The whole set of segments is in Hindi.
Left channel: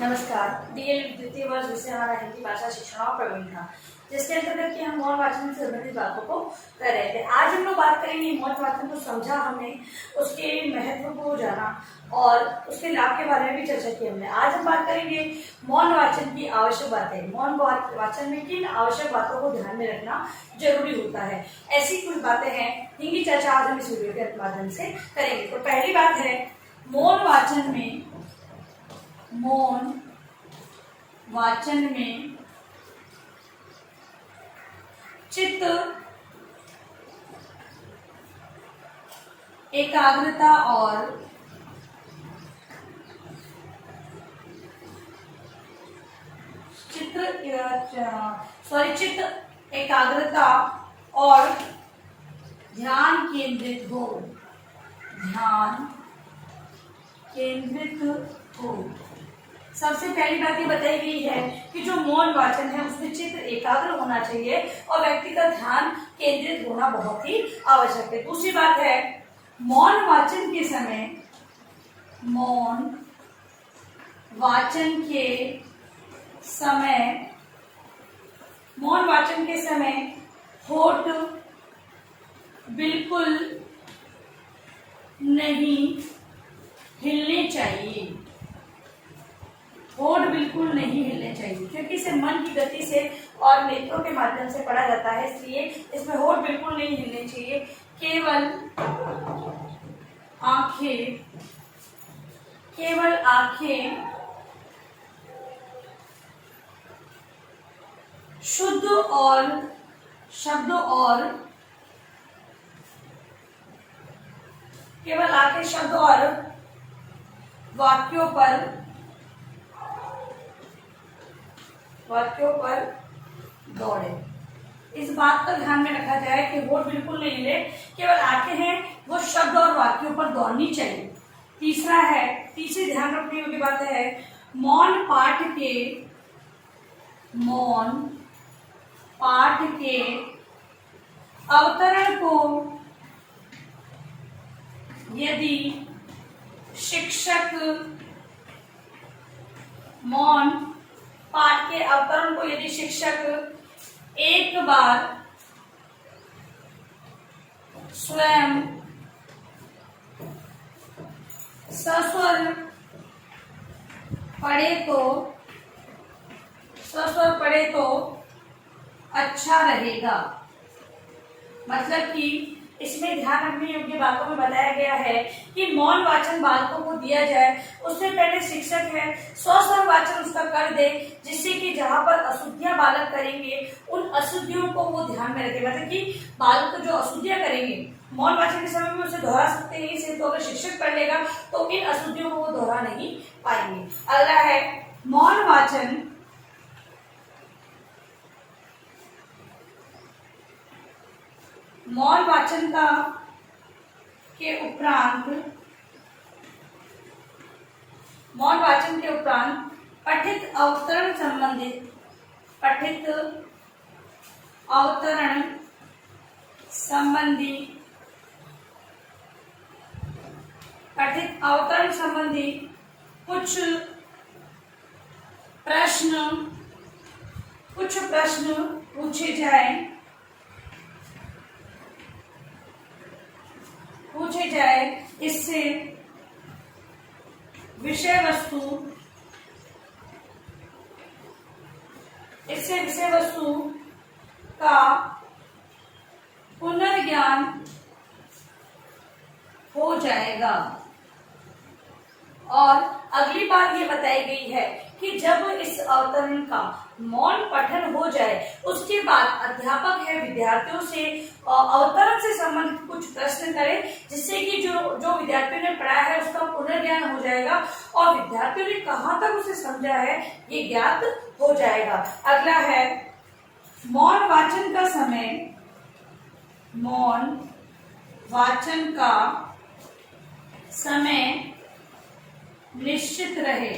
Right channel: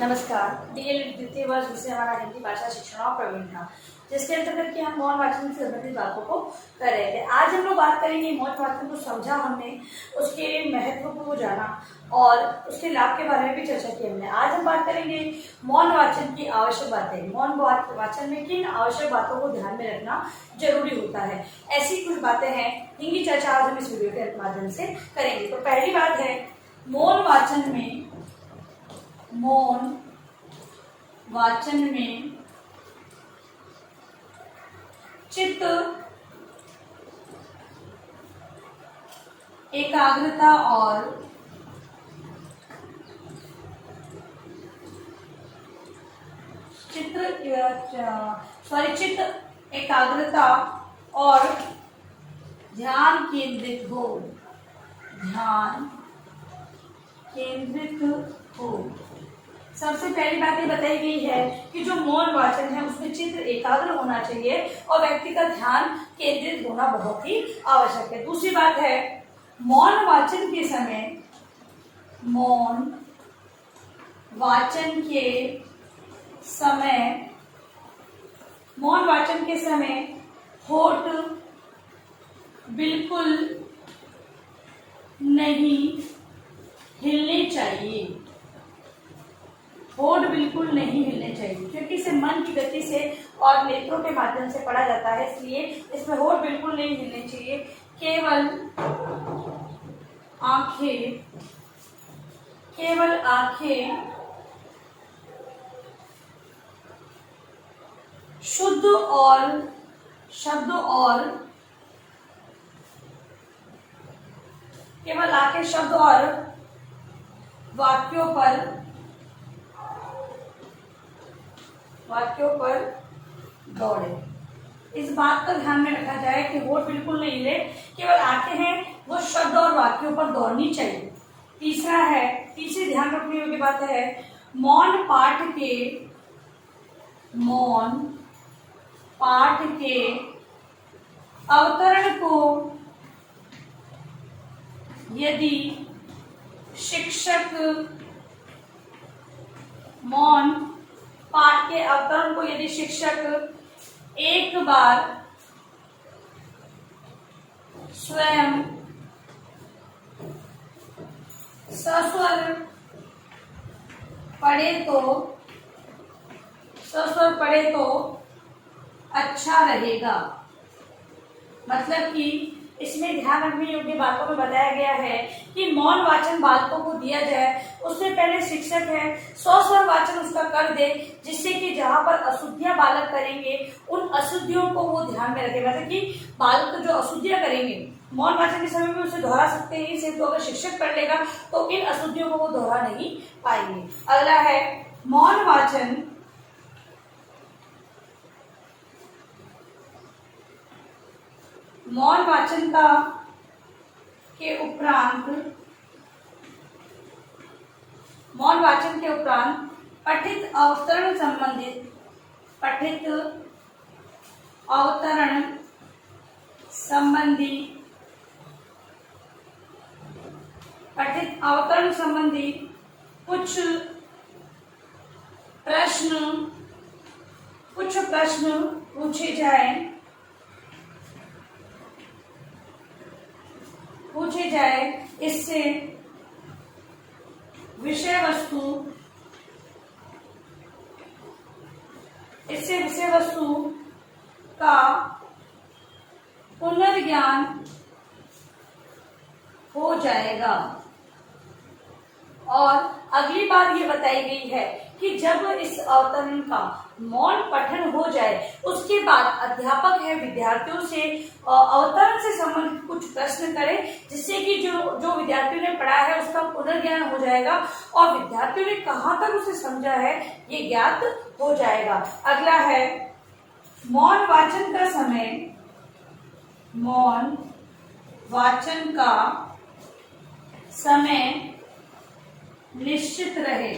नमस्कार। डीएलएड द्वितीय वर्ष विषय हमारा हिंदी भाषा शिक्षण और प्रबंधन, जिसके अंतर्गत कि हम मौन वाचन से संबंधित बातों को कर रहे थे। आज हम लोग बात करेंगे मौन वाचन को समझा हमने, उसके महत्व को जाना और उसके लाभ के बारे में भी चर्चा की हमने। आज हम बात करेंगे मौन वाचन की आवश्यक बातें। मौन वाचन में किन आवश्यक बातों को ध्यान में रखना जरूरी होता है, ऐसी कुछ बातें हैं जिनकी चर्चा आज हम इस वीडियो के माध्यम से करेंगे। तो पहली बात है, मौन वाचन में चित्त एकाग्रता और चित्त एकाग्रता और ध्यान केंद्रित हो। सबसे पहली बात ये बताई गई है कि जो मौन वाचन है उसमें चित्त एकाग्र होना चाहिए और व्यक्ति का ध्यान केंद्रित होना बहुत ही आवश्यक है। दूसरी बात है, मौन वाचन के समय होठ बिल्कुल नहीं हिलने चाहिए। होठ बिल्कुल नहीं हिलने चाहिए क्योंकि इसे मन की गति से और नेत्रों के माध्यम से पढ़ा जाता है, इसलिए इसमें होठ बिल्कुल नहीं हिलने चाहिए। केवल आंखें शुद्ध और शब्द और वाक्यों पर दौड़े। इस बात का ध्यान में रखा जाए कि होठ बिल्कुल नहीं हिले, केवल आंखें हैं वो शब्द और वाक्यों पर दौड़नी चाहिए। तीसरी ध्यान रखने योग्य बात है, मौन पाठ के अवतरण को यदि शिक्षक एक बार स्वयं सस्वर पढ़े तो अच्छा रहेगा। मतलब कि इसमें ध्यान रखने योग्य बातों में बताया गया है कि मौन वाचन बालकों को दिया जाए, उससे पहले शिक्षक है सस्वर वाचन उसका कर दे, जिससे कि जहाँ पर अशुद्धियां बालक करेंगे उन अशुद्धियों को वो ध्यान में रखे। मतलब कि बालक जो अशुद्धियां करेंगे मौन वाचन के समय में उसे दोहरा सकते हैं, इसे तो अगर शिक्षक कर लेगा तो इन अशुद्धियों को वो दोहरा नहीं पाएंगे। अगला है, मौन वाचन के उपरांत पठित अवतरण संबंधी कुछ प्रश्न पूछे जाए। इससे विषय वस्तु का पुनर्ज्ञान हो जाएगा। और अगली बात ये बताई गई है कि जब इस अवतरण का मौन पठन हो जाए उसके बाद अध्यापक है विद्यार्थियों से अवतरण से संबंधित कुछ प्रश्न करे, जिससे कि जो विद्यार्थियों ने पढ़ा है उसका पुनर्ज्ञान हो जाएगा और विद्यार्थियों ने कहाँ तक उसे समझा है ये ज्ञात हो जाएगा। अगला है, मौन वाचन का समय निश्चित रहे।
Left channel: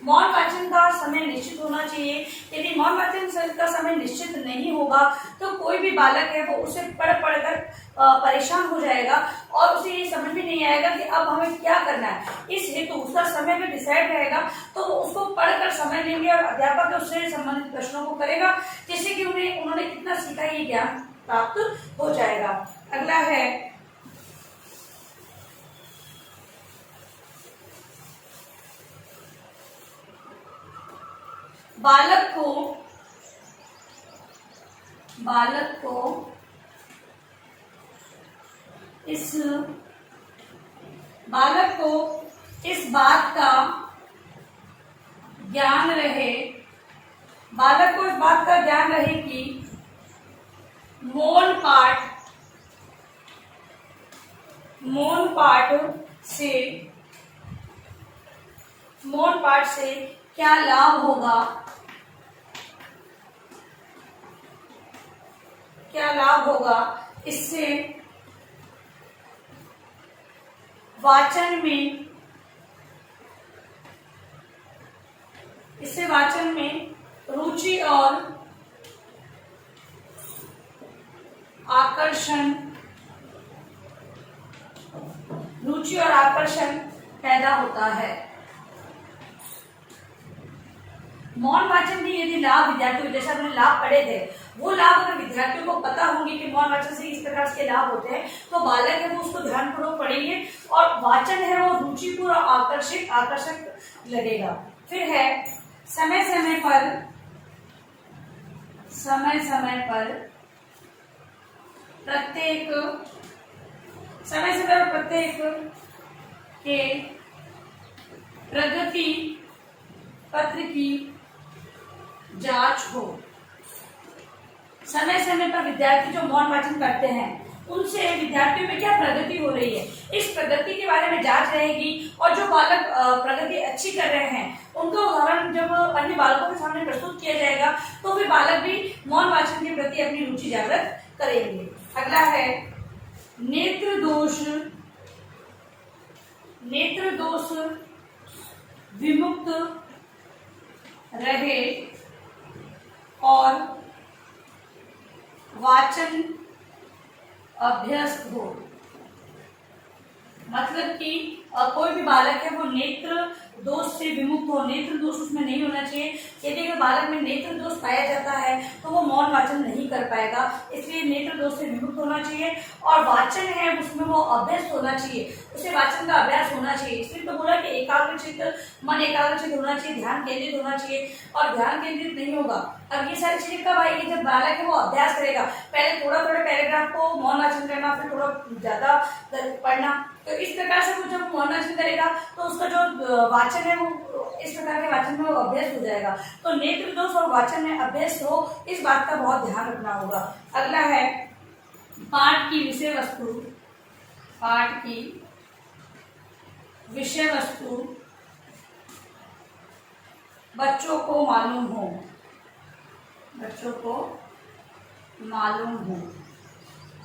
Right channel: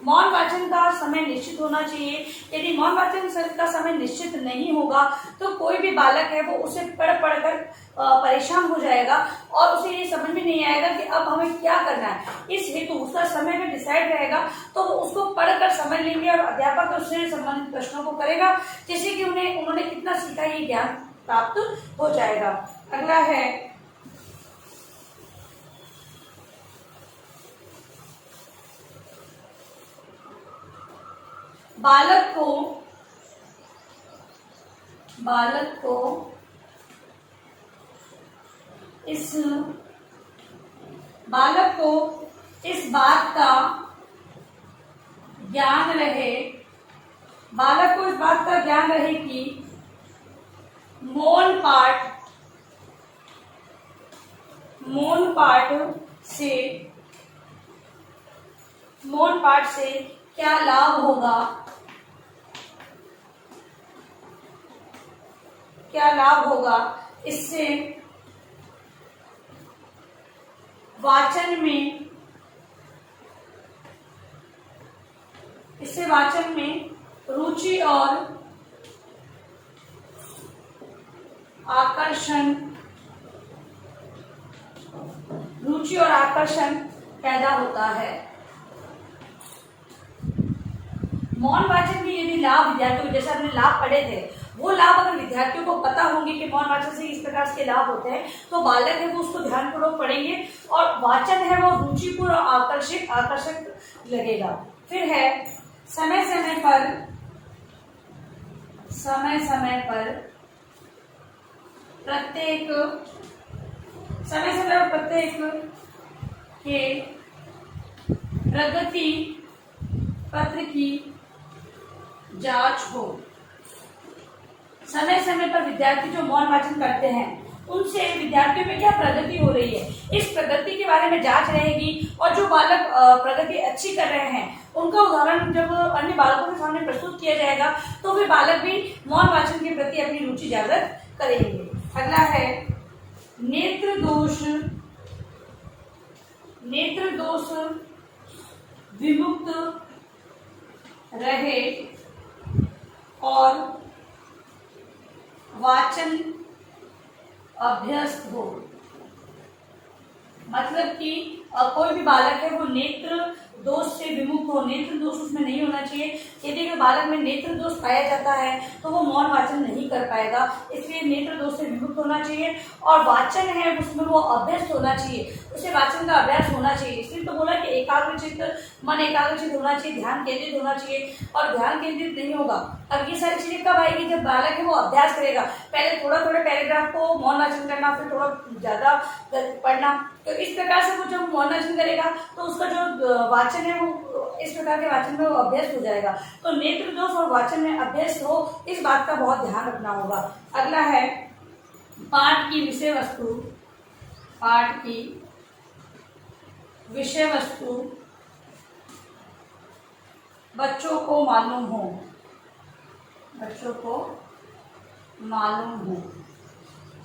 मौन वाचन का समय निश्चित होना चाहिए, यदि मौन वाचन का समय निश्चित नहीं होगा तो कोई भी बालक है वो उसे पढ़ कर परेशान हो जाएगा और उसे ये समझ में नहीं आएगा कि अब हमें क्या करना है। इस हेतु उसका समय भी डिसाइड रहेगा तो वो उसको पढ़कर समझ लेंगे और अध्यापक उससे संबंधित प्रश्नों को करेगा, जिससे कि उन्होंने कितना सीखा ये ज्ञान प्राप्त हो जाएगा। अगला है बालक को इस बात का ज्ञान रहे कि मौन पाठ से क्या लाभ होगा, इससे वाचन में रुचि और आकर्षण पैदा होता है। मौन वाचन की यदि लाभ विद्यार्थियों, जैसे हमने लाभ पढ़े थे, वो लाभ अगर विद्यार्थियों को पता होंगे कि मौन वाचन से इस प्रकार के लाभ होते हैं, तो बालक है वो उसको ध्यानपूर्वक पढ़ेंगे और वाचन है वो रुचिपूर्ण और आकर्षक लगेगा। फिर है समय समय पर प्रत्येक के प्रगति पत्र की जांच हो। समय समय पर विद्यार्थी जो मौन वाचन करते हैं उनसे विद्यार्थियों में क्या प्रगति हो रही है, इस प्रगति के बारे में जांच रहेगी और जो बालक प्रगति अच्छी कर रहे हैं उनका उदाहरण जब अन्य बालकों के सामने प्रस्तुत किया जाएगा तो वे बालक भी मौन वाचन के प्रति अपनी रुचि जागृत करेंगे। अगला है नेत्र दोष विमुक्त रहे और वाचन अभ्यस्त हो। मतलब कि कोई भी बालक है वो नेत्र दोष से विमुक्त हो, नेत्र दोष उसमें नहीं होना चाहिए। यदि अगर बालक में नेत्र दोष पाया जाता है तो वो मौन वाचन नहीं कर पाएगा, इसलिए नेत्र दोष से विमुक्त होना चाहिए और वाचन है उसमें वो अभ्यस्त होना चाहिए, उसे वाचन का अभ्यास होना चाहिए। इसलिए तो बोला कि मन एकाग्रचित होना चाहिए, ध्यान केंद्रित होना चाहिए और ध्यान केंद्रित नहीं होगा। अब ये सारी चीजें कब आएगी, जब बालक है वो अभ्यास करेगा, पहले थोड़ा पैराग्राफ को मौन वाचन करना, फिर थोड़ा ज्यादा पढ़ना, तो इस प्रकार से वो जब मौन वाचन करेगा तो उसका जो वाचन है वो इस प्रकार के वाचन में वो अभ्यस्त हो जाएगा। तो नेत्र दोष और वाचन में अभ्यस्त हो, इस बात का बहुत ध्यान रखना होगा। अगला है पाठ की विषय वस्तु बच्चों को मालूम हो।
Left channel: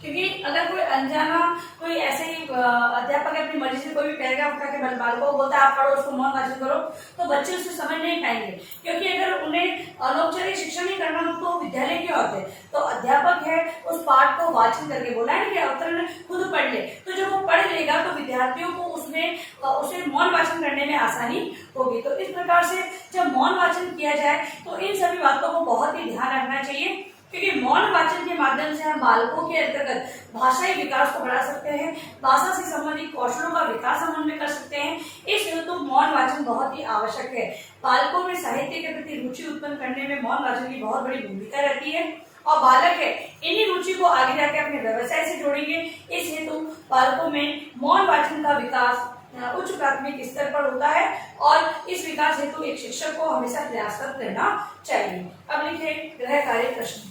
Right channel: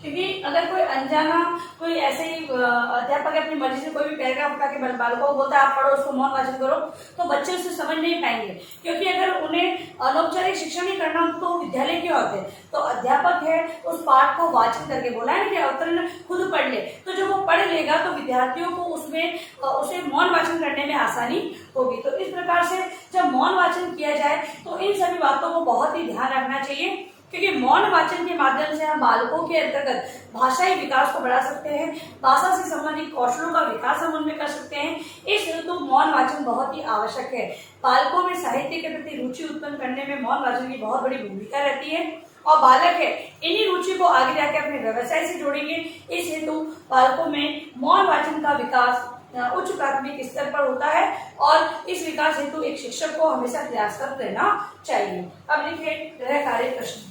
क्योंकि अगर कोई अनजाना कोई ऐसे ही अध्यापक अपनी मर्जी से कोई भी पैराग्राफ उठा के बालकों को बोलता है आप पढ़ो, उसको मौन वाचन करो, तो बच्चे उसे समझ नहीं पाएंगे। क्योंकि अगर उन्हें अनौपचारिक शिक्षण ही करना हो तो विद्यालय के होते, तो अध्यापक है उस पाठ को वाचन करके बोला है कि अवतरण खुद पढ़ ले, तो जब वो पढ़ लेगा तो विद्यार्थियों को उसे मौन वाचन करने में आसानी होगी। तो इस प्रकार से जब मौन वाचन किया जाए तो इन सभी बातों को बहुत ही ध्यान रखना चाहिए, क्योंकि मौन वाचन के माध्यम से हम बालकों के अंतर्गत भाषाई विकास को बढ़ा सकते हैं, भाषा से संबंधित कौशलों का विकास हम उनमें कर सकते हैं। इस हेतु मौन वाचन बहुत ही आवश्यक है। बालकों में साहित्य के प्रति रुचि उत्पन्न करने में मौन वाचन की बहुत बड़ी भूमिका रहती है और बालक है इन्हीं रुचि को आगे जाकर अपने व्यवसाय से जोड़ेंगे। इस हेतु बालकों में मौन वाचन का विकास उच्च प्राथमिक स्तर पर होता है और इस विकास हेतु एक शिक्षक को हमेशा प्रयासरत रहना चाहिए। अब लिखिए गृह कार्य प्रश्न।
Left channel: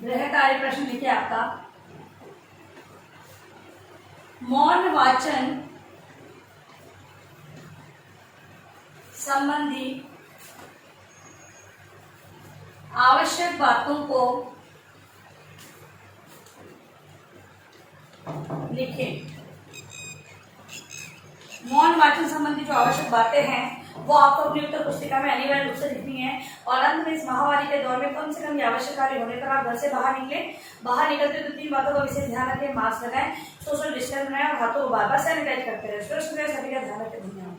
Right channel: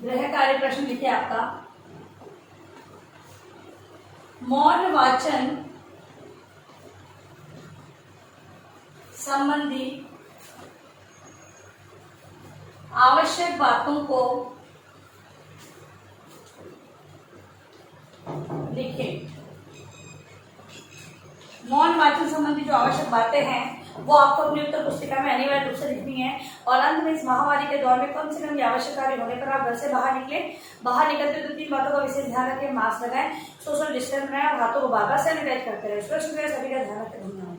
गृह कार्य प्रश्न लिखिए आपका, मौन वाचन संबंधी आवश्यक बातों को लिखें। मौन वाचन संबंधी जो आवश्यक बातें हैं वो आपको अपनी उत्तर पुस्तिका में अनिवार्य रूप से लिखनी है और अंत में इस महामारी के दौर में कम से कम ये आवश्यक कार्य होने पर आप घर से बाहर निकले। बाहर निकलते तो 3 बातों का विशेष ध्यान रखें। मास्क लगाएं, सोशल डिस्टेंस बनाएं और हाथों को बार बार सैनिटाइज करते रहे। सुरक्षित रहे, सभी का ध्यान रखें। धन्यवाद।